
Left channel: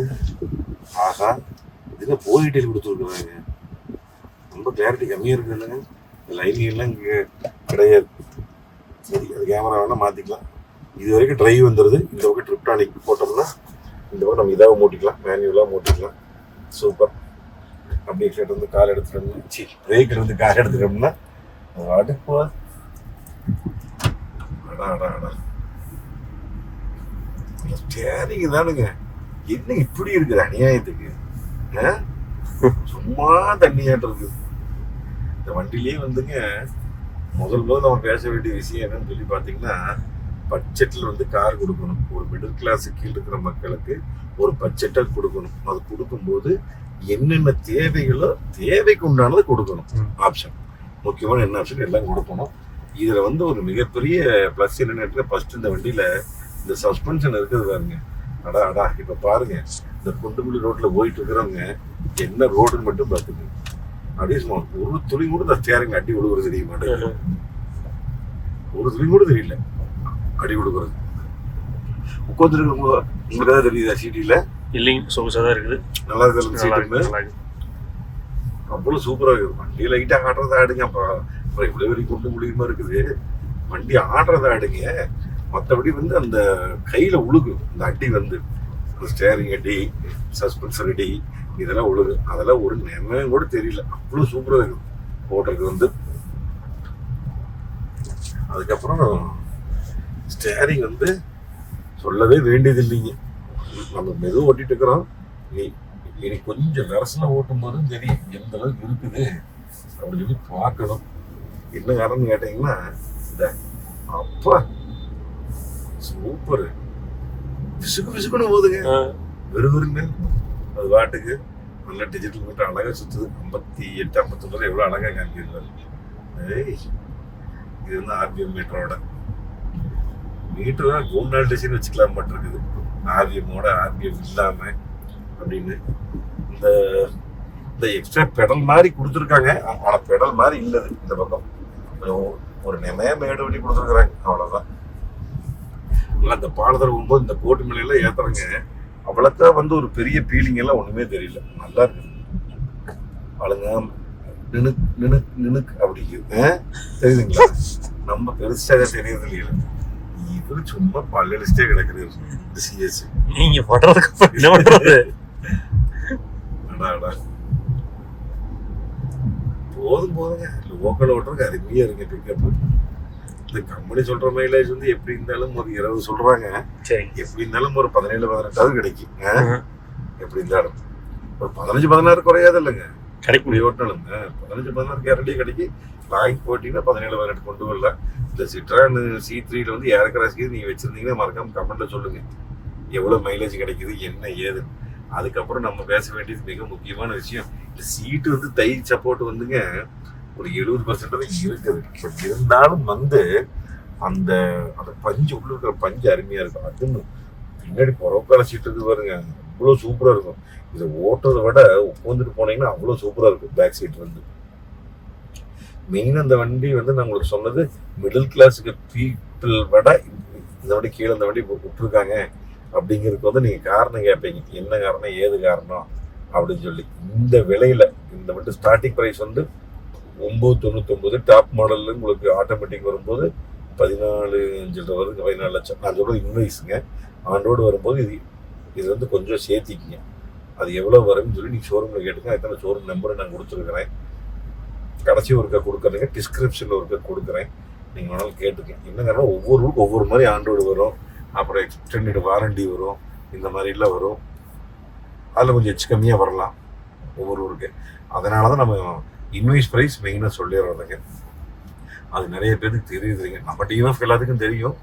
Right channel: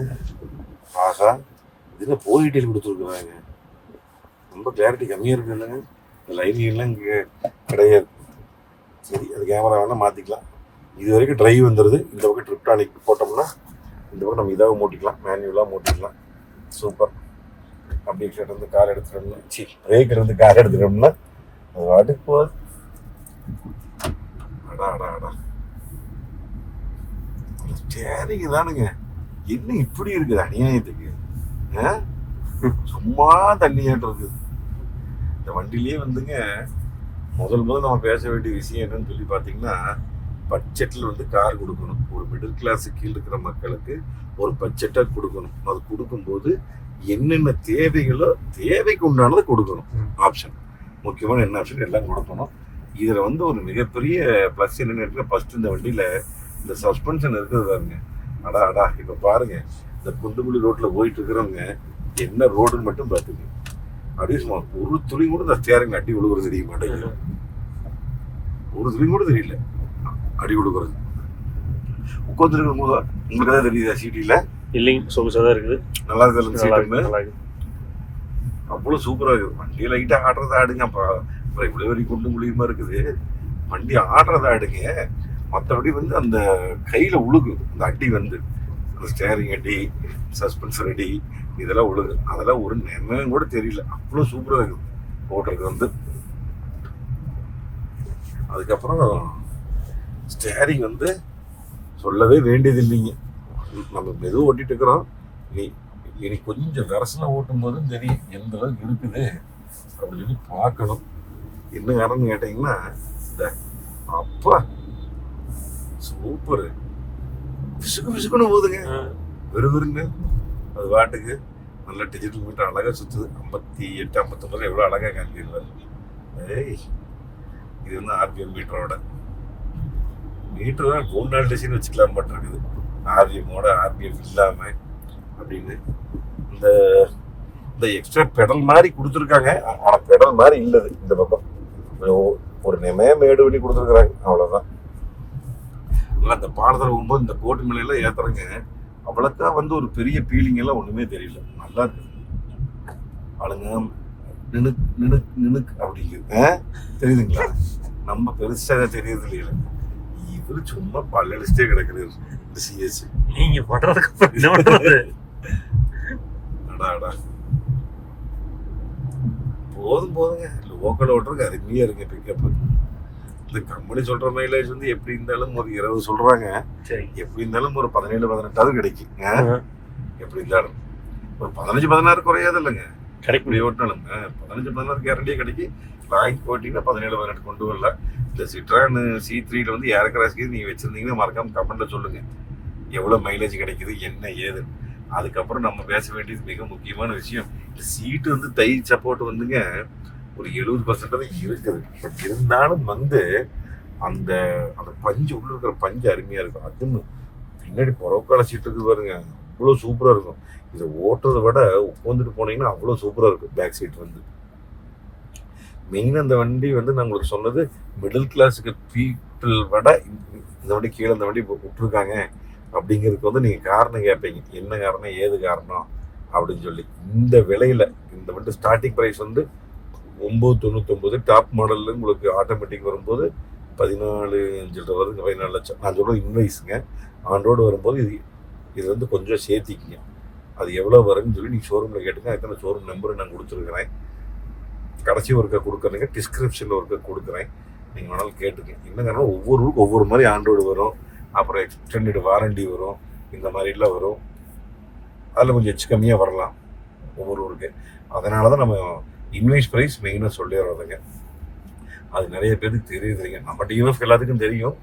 ஆஹா. இது என்ன போல் டீட்டெயில் கொடுத்துருக்குறாங்க. ரொம்ப கிளாரிட்டி கம்மியாக இருக்கு இல்லைங்க இந்த லைனிங் எல்லாம் இங்கே கிடையாது. சரி அது கேமரா வேணால் மாற்றிக்கலாம் இது வரைக்கும் ட்ரைவ் வந்துடுது இந்த பக்கம் ட்ரிப்டானிக் போட்டோம்னா இந்த பக்கம் நம்ம இதாக மூட்டிக்கலாம். மேனுவலாக மூட்டிக்கலாம். சூப்பர் அப்படியே கிட்ட வந்து கால் எடுத்துட்டோம்னா சி பிரேக்கில் வந்து கால் எடுத்துட்டோம்னா அது வாட்டு போகுது. அடா அடா அடா. ஸ்டேரிங் தானுங்க. என்ன இப்படி இருக்குது அநியாயத்துக்கு? ஆ? சும்மா தண்ணியாட்டு இருக்குது இந்த வண்டிலேயே வந்துங்க முதல் முதல் நம்ம பேச வேண்டிய விஷயம் என்னன்னு சொல்லி பார்த்தீங்கன்னா பட்ஜெட்டில் வந்து கார் கொடுக்கணும். ஒரு மிடில் கிளாஸ் கீழ் இருக்கிற மக்களுக்கு ஒரு பட்ஜெட்டாக கொடுக்கணும். அது கொடுக்கும்போது என்னென்ன தேவைகளோ தேவைக்கு உண்டானதை கொடுக்கணும். ஆப்ஷன் முக்கியமான என்ன ஆப்ஷன் எல்லாம் கொடுக்கணும். இதில் வந்து ஒரு மிகப்பெரிய ப்ளஸ் என்னன்னு ஃபர்ஸ்ட் இந்த வண்டியில் இந்த சஸ்பென்ஷன் இருக்குது பாருங்க. அடா அடா இப்போ பாருங்க. இந்த குண்டுமல்லி ரோட்டில் போயிட்டு இருக்கிறவங்க என்ன ரோடுன்னு மட்டும் பார்த்துங்க அப்படியே ஒரு துளி கூட இந்த ஸ்டேரிங் அடி விழுகுறது தெரிய மாட்டேங்குது. ஒரு துளி கூட தெரியல. அடி விழுகுறது உட்காந்துருக்க உங்களுக்கு தான் தெரியுதா சிட்டியில்? இல்லைங்க சொகுசாக தான் இருக்குது. நல்லா இருக்கு நல்லா சீட்டு அவ்வளோ சூப்பராக இருக்குது. வண்டி லைட்டாக ஆடுறதா ஆடுங்க அப்புறம் இவ்வளோ வரைக்கும் கொண்டு முடியுமா இருக்குது. வண்டி ஆடுறதா ஆடுங்க. மற்றபடி வந்து அந்த கையில் உழுகு. இந்த அடி வந்து. ஸ்டேரிங் அடி சஸ்பென்சர் அடி இதெல்லாம் உழுகு அதெல்லாம் ஒரு நினைவும் கூட தெரியல. அவ்வளோ சூப்பராக இருக்குது ஓட்டுறது வந்து. அதுக்கப்புறம் ஸ்டேரிங் வந்து சொல்லவே வேண்டியது இல்லைங்க. நம்ம மெதுவாக ஓட்டிட்டு இருக்கிறோம். நீ இனி கொஞ்சம் விரசல ஓட்டும் போதும் தெரியும் எந்த அளவுக்கு இருக்குது அப்படின்னு சொல்லி பார்க்கணும். என்ன கேட்டீங்கன்னா இந்த அப்பா. சூப்பர். பிசுக்கு பிசுக்கணும் போதுங்க வெறுவருங்க அது பாட்டுக்கு நல்ல டிஜிட்டல் போட்டு அழகாக சுற்றுது ஐம்பத்தி எட்டு ஐம்பத்தொம்பது எவ்வளோ அழகாக காமிக்கிறார் ஏய் இது வந்து ஆர்பிஎம் மீட்டரோட மீட்டர் கூண்டால் டிசைன் வச்சுக்கலாம் பட்டிருக்குது ஆர்பிஎம்மோட ஆர்பிஎம் இல்லாமல் அப்படின்னு. இந்த இந்த எக்ஸ்ட்ரா பெடல் மாதிரி கொடுத்துருக்காங்க. ஆனால் பெடல் மாதிரி இல்லது இந்த பக்கம். ஒரு- ஒரு நெமைய மேடு பண்ணி கொடுத்துருக்குறாங்க. அவ்வளோதான் இந்த பாலத்தில் போகும்போது இந்த கோட்டு மேலையெல்லாம் ஏற்றுறாங்க அவ்வளோத்தான் வந்து ஒரு பெரிய ஃபீலிங் எல்லாம் ஒண்ணுமே தெரியல. நல்லா இருக்கு. ஆளுங்க நினுக் நினுக் நினுக் அப்படிங்குது ஆ? தெரியுதுங்களா? நம்ம பெருசா தான் தெரியுது இல்லையா? இவரு சும்மா பல்லடிச்சிட்டே கிடக்குது சிஎஸ் நீங்க அப்புறம் என்ன பண்றது? போதும் போதுங்க. லோக்கல் ஓட்டுறதுக்கு அருமையா இருக்கு பிக்கப் இந்த கம்பெனி சொல்ற மைலேஜ் வந்து எப்படி இருந்தாலும் ஒரு இருபது சொல்றாங்க. சரி. எப்படி இருந்தாலும் ஒரு பதினேழு பதினெட்டாவது கிடைக்கும்? எப்படி இருந்தாலும். ஒரு பதினஞ்சு பதினாறு குறையாது இல்லைங்க. கிடைக்கும். ஓட்டினாலும் பதினஞ்சு பதினாறு கேரண்டியே கிடைக்கும். லாங் போட்டிங்கன்னா பதினேழு பதினெட்டு கொண்டு வரலாம் இந்த சிட்ரான் சி த்ரீல வந்து ஏற்கனவே நீங்க வச்சிருந்தீங்கன்னா மறக்காம கமெண்ட்ல சொல்லுங்க. எவ்வளவு மைலேஜ் கிடைக்குது என்ன ஏதுன்னு. அதுக்கப்புறம் நம்ம பேச வேண்டியது மிக முக்கியமான விஷயம். சீட்டு வந்து தை சப்போர்ட் வந்துங்க. ஒரு எழுபது பர்சன்ட் வரைக்கும் இருக்குது. பட் இருந்தாலும் வந்து அந்த அந்த பஞ்சு உள்ள இருக்கிற பஞ்சு அருமையா இருக்கும். அதுன்னு பின்னாடி புறக்கால சீட்டு இருக்கு பாருங்க. அவ்வளோ சூப்பராக இருக்கும். இதை ஓட்டுறதை விட உட்காந்துட்டு போனீங்கன்னா அவ்வளோ சூப்பராக இருக்கும். பேக் சீட் வந்து. மெயின் அந்த வண்டி வந்து நான் உங்களுக்கு சொன்னது மிடில் கிளாஸுக்கு பீப்புள் விட இந்த வண்டி கீழே இந்த வண்டி இப்போ விட்டுருக்காங்க அப்படிங்கிறதுக்கு வந்து நீங்கள் காரணம் கேட்பீங்க என்ன காரணம் ஏது காரணம் அப்படின்னு சொல்லி. இந்த விலையில இந்த வண்டி ஸ்டார்டிங் ப்ரைஸ் வந்து ஒம்பது தொண்ணூத்தொம்பது டாப் மாடலில் உங்களுக்கு ஆட்டோமேட்டிக் வரும்போது பதினாலு அஞ்சு வருது பதினாலு லட்சம். நான் சொல்கிறது இன்வைஸுங்க ஆன் வரும்போது இது இது வந்து கொஞ்சம் சேர்த்திக்கிங்க. அது எவ்வளோ வரும்னு சொல்லி நீங்கள் ஷோரூமில் கேட்டுங்க எத்தனை ஷோரூம் நம்பரை நான் கொடுத்துருக்குறேன். கடைசி ஒருக்கா கொடுக்குறேங்க. டிஸ்கிரிப்ஷனில் ஒருக்கா கொடுக்குறேன். நீங்கள் வேணாலும் கேட்டுக்கங்க. என்ன காரணம் ஒவ்வொரு ஊருக்கு ஒவ்வொரு மாதிரி ஆண்ட்ராய்டு வரும். அப்புறம் எக்ஸ்டெண்டட் வாரண்டி வரும். இந்த மாதிரிலாம் வரும். அதில் கொஞ்சம் எச்சு கம்மியாக வரலாம். ஒவ்வொரு ஊருக்கு. அதனால தான் நம்ம இன்வைஸ் ப்ரைஸ் மெயினாக சொல்லிடுறதுங்க அது நிறைய பேருக்கு தெரியுதுங்க. நம்ம டிஎஃப் எல்லாத்துக்கும் தெரியும்.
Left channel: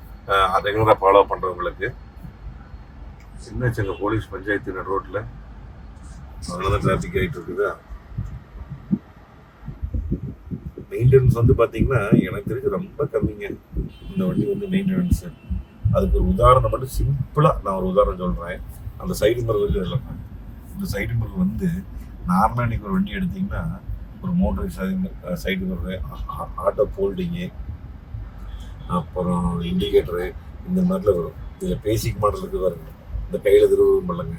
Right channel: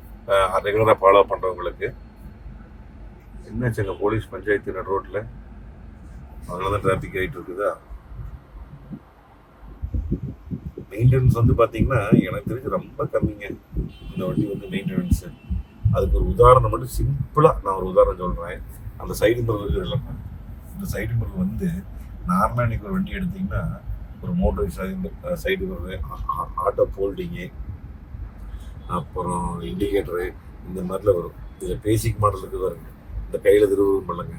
ரெகுலராக ஃபாலோ பண்ணுறவங்களுக்கு சின்ன சின்ன போலீஸ் பஞ்சாயத்து நடு ரோட்டில் அதனால தான் டிராஃபிக் ஆகிட்டு இருக்குதா? மெயின்டெனன்ஸ் வந்து பார்த்தீங்கன்னா எனக்கு தெரிஞ்சு ரொம்ப கம்மிங்க. இந்த வண்டி வந்து மெயின்டெனன்ஸு அதுக்கு ஒரு உதாரணம் மட்டும் சிம்பிளாக நான் ஒரு உதாரணம் சொல்கிறேன் அந்த சைடு மிரர் இருக்குது இந்த சைடு மிரர் வந்து நார்மலாக நீங்கள் ஒரு வண்டி எடுத்திங்கன்னா ஒரு மோட்டர் சைடு சைடு வர்றது ஆட்டோ ஃபோல்டிங்கு அப்புறம் இண்டிகேட்டரு இந்த மாதிரிலாம் வரும். இதில் பேசிக் மாடல் இருக்குது பாருங்க. இந்த கையில் திருவுருவம் இல்லைங்க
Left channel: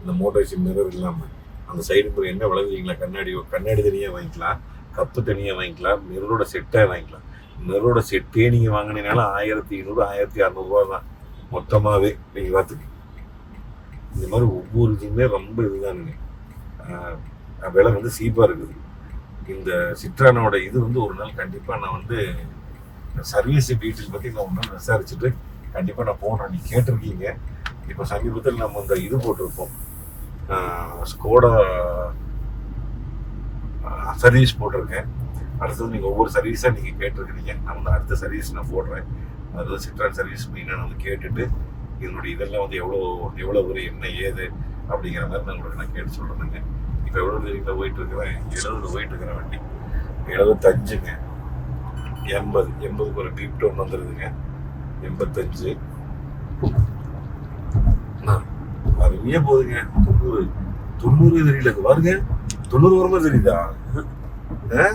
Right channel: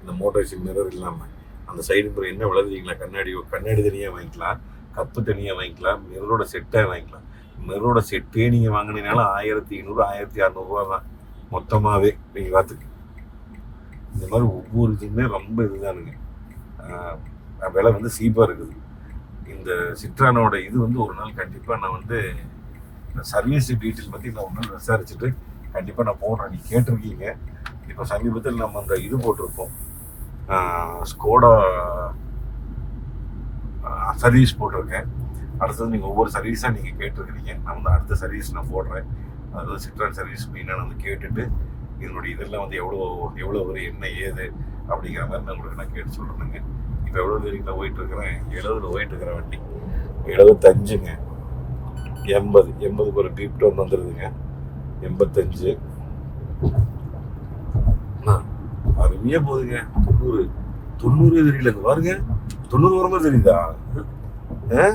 இந்த மோட்டர் மிரர் இல்லாமல் அந்த சைடு மிரர் என்ன விளைவிங்களா கண்ணாடி கண்ணாடி தனியாக வாங்கிக்கலாம். கப்பு தனியாக வாங்கிக்கலாம். மிரரோட செட்டாக வாங்கிக்கலாம். மிரரோட செட்டே நீங்கள் வாங்கினீங்கனாலும் ஆயிரத்தி ஐநூறு ஆயிரத்தி அறநூறுவா தான். மொத்தமாகவே நீங்கள் பார்த்துக்கு இந்த மாதிரி ஒவ்வொரு இதுவுமே ரொம்ப இதுதானுங்க. விலை வந்து சீப்பாக இருக்குது. இந்த சிட்ரானோட இது வந்து ஒரு நாள் கண்டிப்பாக நான் வந்து சர்வீஸ் டீட்டெயில் பற்றி நான் ஒன்று நாள் விசாரிச்சுட்டு கண்டிப்பாக நான் போடுறேன் நீ கேட்டிருக்கீங்க. இப்போ சமீபத்தில் நம்ம அந்த இது போட்டிருக்கோம். ஸ்கோடா சர்வீஸ் போட்டிருக்கேன். அடுத்தது நீங்கள் ஒவ்வொரு சர்வீஸாக நீங்கள் கேட்டிருக்கிறீங்க. நான் வந்து அடுத்த சர்வீஸ் நான் போடுறேன். அதாவது சிட்ரான் சர்வீஸ் மெயினாக நான் வந்து கேட்டுட்டு இதனுடைய இதெல்லாம் வந்து எவ்வளோ எவ்வளோ ஒரு என்ன ஏது அப்படிங்கிற மாதிரி நான் உங்களுக்கு நான் கேட்டு சொல்கிறேனுங்க இப்போ எவ்வளோ தெரியுங்களா போயிட்டு இருக்கிறேன் எழுபது போயிட்டு இருக்கிற வண்டி. எழுபத்தஞ்சுங்க எண்பது. எண்பதுக்கு ஒரு டீப் டவுன் வந்துடுதுங்க எண்பத்தஞ்சு. அருமையாக போகுதுங்க. தொண்ணூறு. தொண்ணூறு தெரியல பாருங்க. தொண்ணூறு வரமா தெரியுதா? ஆ?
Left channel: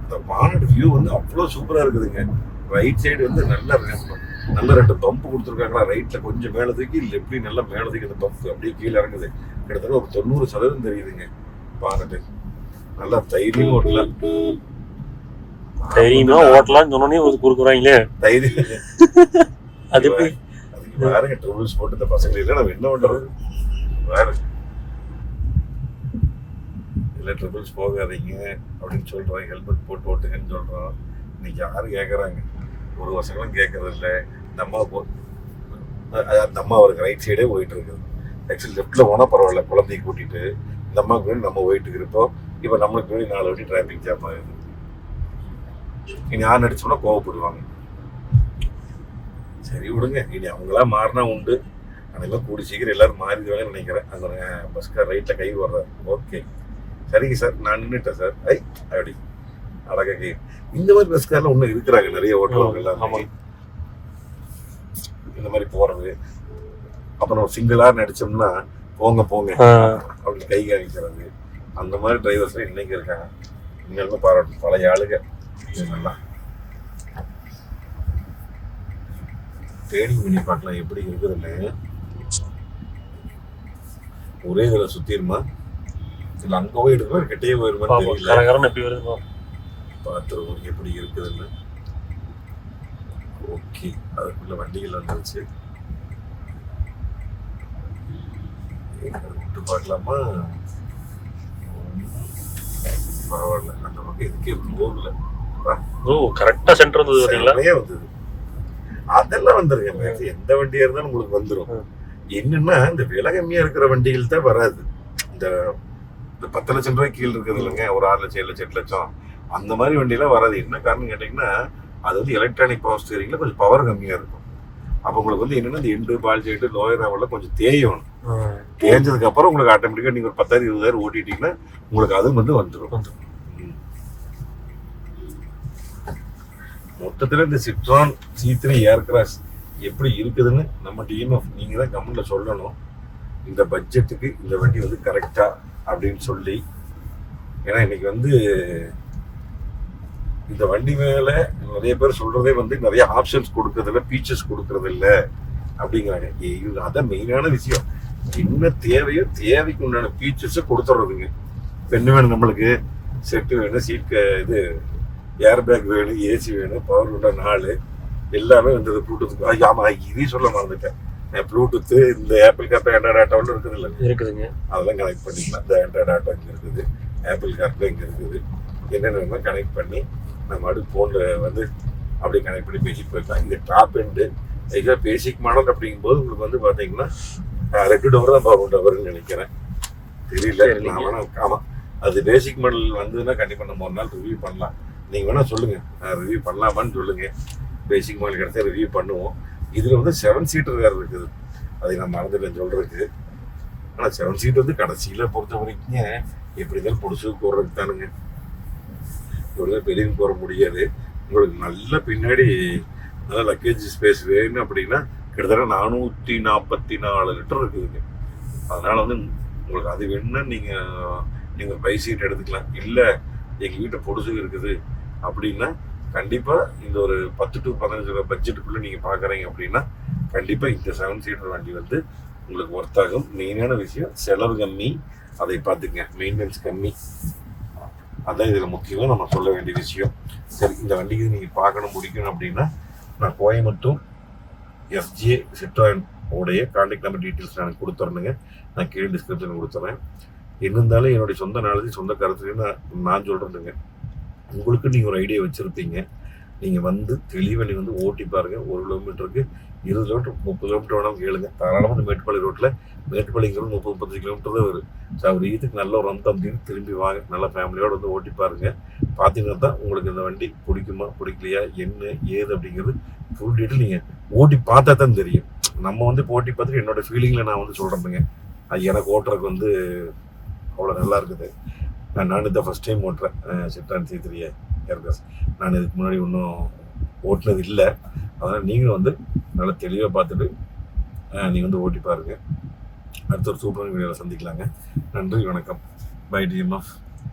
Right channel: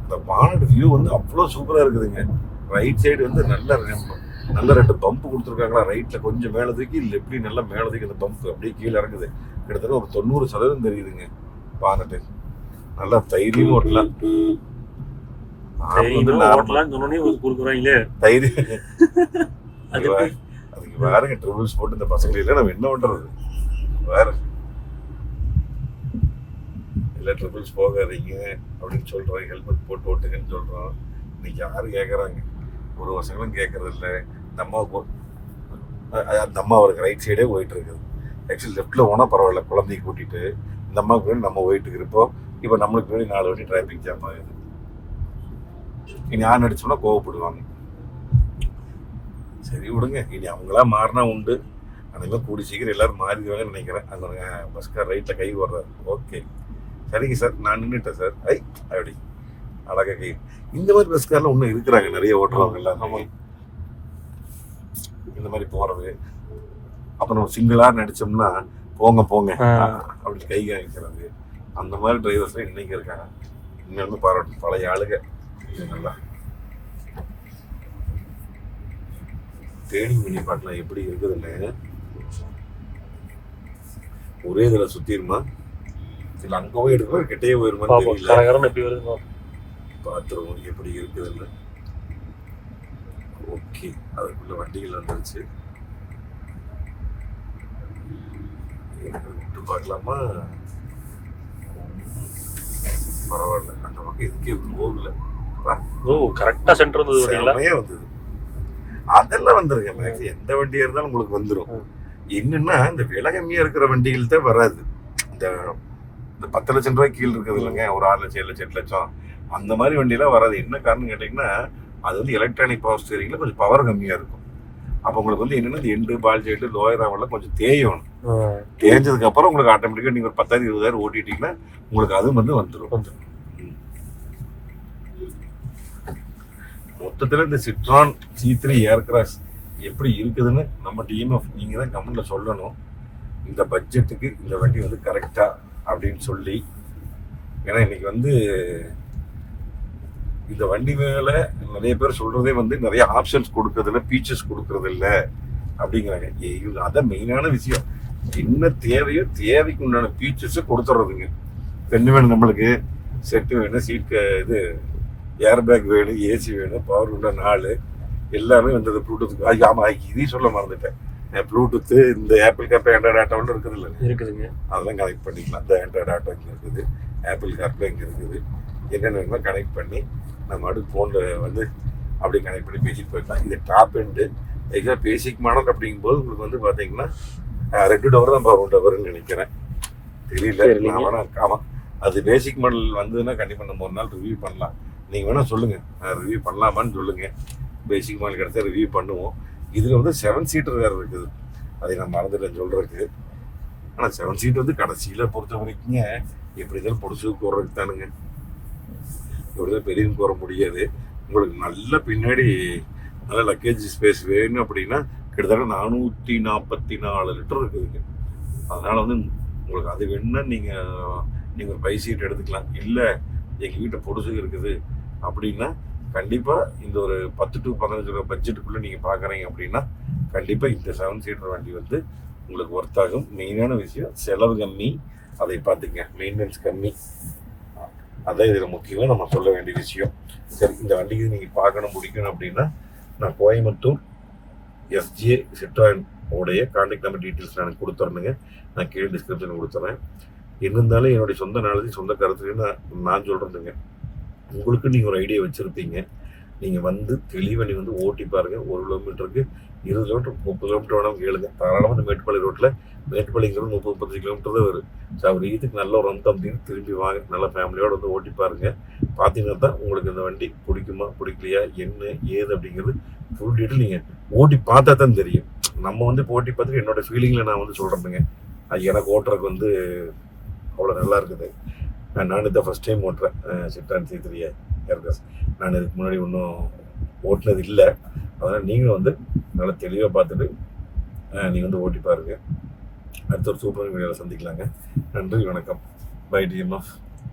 இந்த வானட் வியூ வந்து அவ்வளோ சூப்பராக இருக்குதுங்க. ரைட் சைடு வந்து நல்லா இருக்கு. நல்ல ரெண்டு பம்ப் கொடுத்துருக்காங்களா? ரைட்ல கொஞ்சம் மேல தூக்கி லெஃப்ட்லயும் நல்லா மேல தூக்கி அந்த பம்ப் அப்படியே கீழே இறங்குது. கிட்டத்தட்ட ஒரு தொண்ணூறு சதவீதம் தெரியுதுங்க. பார்த்துட்டு நல்லா தைரியம் ஓட்டலாம் தைரியமா ஓட்டலாம்னு சொன்னோடனே ஒரு குறுக்குறாங்களே. தைரியம். அது எப்படி? அதுக்கு வேறங்க ட்ரிபிள்ஸ் போட்டு இந்த பசங்க இல்லை நம்ம என்ன பண்றது? வேற இல்லை ட்ரிபிள்ஸ் போகாதீங்க அப்படின்னு சொல்றோம். ஹெல்மெட் போட்டு ஓட்டுங்கன்னு சொல்றோம். இன்னைக்கு யாரு கேட்கறாங்க ஒரு வருஷங்களும் கேட்கறது நம்ம போ- அந்த அம்மா அவருக்கு ரைட் சைடே போயிட்டு இருக்குது ஆக்சுவலி லெஃப்ட்ல போனா பரவாயில்ல குழந்தைய கூட்டிட்டு இந்த அம்மாவுக்கு முன்னாடி நம்ம போயிட்டு இருப்போம் இப்போ நம்மளுக்கு முன்னாடி நாலு வாட்டி டிராஃபிக் ஜாம் ஆகுது. இனி ஆன் அடிச்சோம்னா கோவப்படுவாங்க. சரி விடுங்க. இனி அவங்களாம் மாறினா உண்டு. அதெல்லாம் கூடி சீக்கிரம் எல்லாரும் மாறிடுவாங்கன்னு நினைக்கிறேன். அந்த பஸ்கார் ரைட்ல கை வர்றாரு ஓகே சரிங்க சார் நான் நின்றுட்டேன் சார் ஐ அப்படி அழகா கை இந்த மாதிரி பஸ்கார்ல இன்னும் இருக்கிறாங்க நிறைய ஆமா. இந்த மாதிரி போறது. அப்புறம் சிங்கிளா நடிச்சோம்னா போங்க போங்க. அப்படி கை காமிக்கிறது. அந்த மாதிரி டிரைவர்ஸ் இன்னைக்கு இருக்காங்க. உண்மையிலுமே பாராட்டு பழைய ஆளுங்க. நல்லா. ட்ரைனிங் பண்ணி பார்க்கலாம் எப்படி இருக்குதுன்னு. ஒரே இதுல சுத்திருமா இல்ல அங்க போய் எடுக்கலாம் கிட்டே போயிருமா கரகரன்னு எப்படி வருது. பார்த்துருவோம் எப்படி இருக்குதுன்னு. ஓகே அதுக்குள்ள வண்டிகள் வந்துருச்சு விட்டு பார்க்கலாமா? பரவாயில்ல. அந்த பக்கம் இதுக்கே போகல? ஓ கரெக்டா சென்டர் வந்தது பாத்தீங்களா செமையா வந்தது. அதெல்லாம் வந்துருங்க எந்த வண்டியா இருந்தாலும் உங்களுக்கு வந்துரும். ம். என்னன்னா இந்த விலை கம்மியா இருக்கிற வண்டிகள் தான் வராது. இந்த இந்த பத்து லட்சம் ரூபாய் கீழ் இருக்குது இல்லைங்க. ஒரு ஆறு லட்சம் ஏழு லட்சம் எட்டு லட்சம் அந்த மாதிரி வண்டியெல்லாம் வராது. என்ன காரணம் கேட்டிங்கன்னா அது வந்து எலக்ட்ரானிக் பவர் ஸ்டீரிங்ல கொஞ்சம் பவர் கம்மியா இருக்கும். அப்போ உங்களுக்கு வந்து என்னன்னா இந்த எண்டு பால் ஜெயிட்டு லோயர் ஆவெல்லாம் கொஞ்சம் தேயணும். ஆ, தேஞ்சதுக்கு அப்புறம் உங்களுக்கு ஆட்டோமேட்டிக்கா நீங்க ஒரு பத்தாயிரம் இருபதாயிரம் ஓட்டிட்டீங்கன்னா உங்களுக்கு அது வந்து வந்துடும் வந்துரும். ம். மொத்தத்துல இந்த சிட்ரான் சி த்ரீ ஏர்கிராஸ் எப்படி இருக்குதுன்னு நம்ம டிஎம்எஃப் நீங்க தான் கமெண்ட்ல சொல்லணும். இந்த பட்ஜெட்டுக்கு இந்த வண்டி வந்து கரெக்டா அப்படின்னு சொல்லி. ஏன்னா இன்னைக்கு வந்து இந்த வண்டி மேல நிறைய பேர் சொல்றதே வந்து நிறைய ஆப்ஷன்ஸ் கொடுக்கறதில்ல ஃபீச்சர்ஸ் கொடுக்கறது இல்ல அப்படிங்கிறாங்க இது அதான் மெயினான விஷயம். என்ன தேவையோ தேவைக்கு உண்டான ஃபீச்சர்ஸை கொடுத்துட்றதுங்க பெண்ணு வேணும் நம்மளுக்கு? செட்டு வேணும் சீட் இது ஏர் பேக் வேணும் ஏசி வேணும் பவர் உள்ள நாலு எல்லாமே வந்தது ப்ளூடூத் ஆமா இதையும் சொல்ல மறந்துட்டேன். ப்ளூடூத்து இந்த ஆப்பிள் காப்பே ஆண்ட்ராய்ட் டேட்டா ஒன்று இருக்குது இல்லை இருக்குதுங்க. அதெல்லாம் கனெக்ட் பண்ணிக்கலாம். இந்த ஆண்ட்ராய்ட் டேட்டா இங்கே இருக்குது. ஆப்பிள் கார்ப்ளே இங்கே இருக்குது. என்னென்ன கனெக்ட் பண்ணி நம்ம அடுத்து ஃபோனில் வந்து அப்படி கனெக்ட் பண்ணி பேசிட்டு போய்க்கலாம் இது டாப் எண்டு இதுக்காக பேசிக் மாடல் அப்படிங்கும்போது உங்களுக்கு வந்து பார்த்தீங்கன்னா ரெண்டு டவர் தான் பவர் டவர்னு நினைக்கிறேன். தெரியல. நான் ஆமாம் அது பேசிக் மாடல் வந்ததுன்னா கண்டிப்பாக நம்ம ஒரு நாள் ரிவ்யூ பண்ணலாம். நீங்கள் வேணா சொல்லுங்கள் ரிவ்யூ பண்ணலாமான்னு சொல்லுங்கள் பேசிக் மாடல் கிடைச்சா ரிவ்யூ பண்ணுவோம். இதில் வந்து செவன் சீட்டர் வேறு இருக்குது. அதை நான் மறந்துட்டேன் சொல்கிறதுக்கு ஆனால் செவன் சீட் வந்து கடைசியில் பொறுத்த வரைக்கும் எப்படி இருந்தாலும் பொடிசு போடுறதுக்கு தானுங்க இப்படி பெரியது போகிற முடியாது. உங்களுக்கு நல்ல பின்னாடி நல்ல லக்கேஜ் ஸ்பேஸ் வேணும் அப்படின்னா கிட்டத்தட்ட நானூற்றி நாற்பத்தி நாலு லிட்டர் இருக்குதுங்க அதனால் வந்து உங்களுக்கு அது வேணும்னா நீங்கள் நீங்கள் ஒரு பை சீட் எடுத்துக்கலாம். இல்லை எங்கள் வீட்டை பொடுசு இருக்குது அப்படின்னா கண்டிப்பாக இந்த ஒரு பத்து டு பதினஞ்சு ரூபா பட்ஜெட்டுக்குள்ளே நீங்கள் பார்க்குறீங்க அப்படின்னா கண்டிப்பாக இந்த செவன் சீட்டர் வண்டி வந்து உங்களுக்கு ஒர்த் ஆகும். மெயினான விஷயம் செலவு கம்மி. அதை பார்த்துங்க. மெயின்டெனன்ஸ் கம்மி. அதான் இதில் முக்கியம் நம்ம சொல்ல வேண்டிய விஷயம். சரி இந்த வண்டிக்கு நீங்கள் பார்க்கணும் பிடிக்கணும் அப்படின்னா நான் கோயம்புத்தூர் எஸ்ஜே சிட்ராயன் உடைய கான்டாக்ட் நம்பர் டீட்டெயில்ஸ் நான் கொடுத்துறேனுங்க. நான் கீழே டிஸ்கிரிப்ஷன் கொடுத்துறேன். என்ன இருந்தாலும் என்னுடைய சொந்த நாளதி சொந்த கருத்துக்கு நான் நான் சொல்கிறேனுங்க உங்களுக்கு நீங்கள் ஒரு ஐடியா வச்சுருப்பீங்க. நீங்கள் வந்து தெளிவாக நீங்கள் வந்து ஓட்டி பாருங்கள் ஒரு கிலோமீட்டருக்கு இருபது கிலோமீட்டர் முப்பது கிலோமீட்டர் வேணாலும் கேளுங்க. தாராளமாக வந்து மேட்டுப்பாளைய ரோட்டில் மேட்டுப்பாளையங்கிறது முப்பது முப்பத்தஞ்சு கிலோமீட்டர் தான் வரும். ஸோ அவர் இதுக்கு நல்ல ஒரு அந்தம் அப்படின்னு திரும்பி வாங்க. நல்ல ஃபேமிலியோடு வந்து ஓட்டி பாருங்கள் பார்த்தீங்கன்னா தான் உங்களுக்கு இந்த வண்டி பிடிக்குமா பிடிக்கலையா என்ன ஏது அப்படிங்கிறது ஃபுல் டீட்டெயில் நீங்கள் ஓட்டி பார்த்தா தான் தெரியும். நம்ம வந்து போட்டி ஓட்டி பார்த்துட்டு என்னோட ஃபீலிங்கில் நான் வந்து சொல்கிறேனுங்க அது எனக்கு ஓட்டுறதுக்கு வந்து அவ்வளோ நல்லா இருக்குது. நான் நான் இந்த ஃபஸ்ட் டைம் ஓட்டுறேன். சிட்டான் சி ஏர்கஸ் நான் இதுக்கு முன்னாடி ஒன்றும் ஓட்டினது இல்லை. அதனால் நீங்களும் வந்து நல்லா தெளிவாக பார்த்துட்டு நீங்கள் வந்து ஓட்டி பாருங்கள் அடுத்த ஒரு சூப்பர் வீடியோவில் சந்திக்கலாங்க. நன்றி வணக்கம். By TMF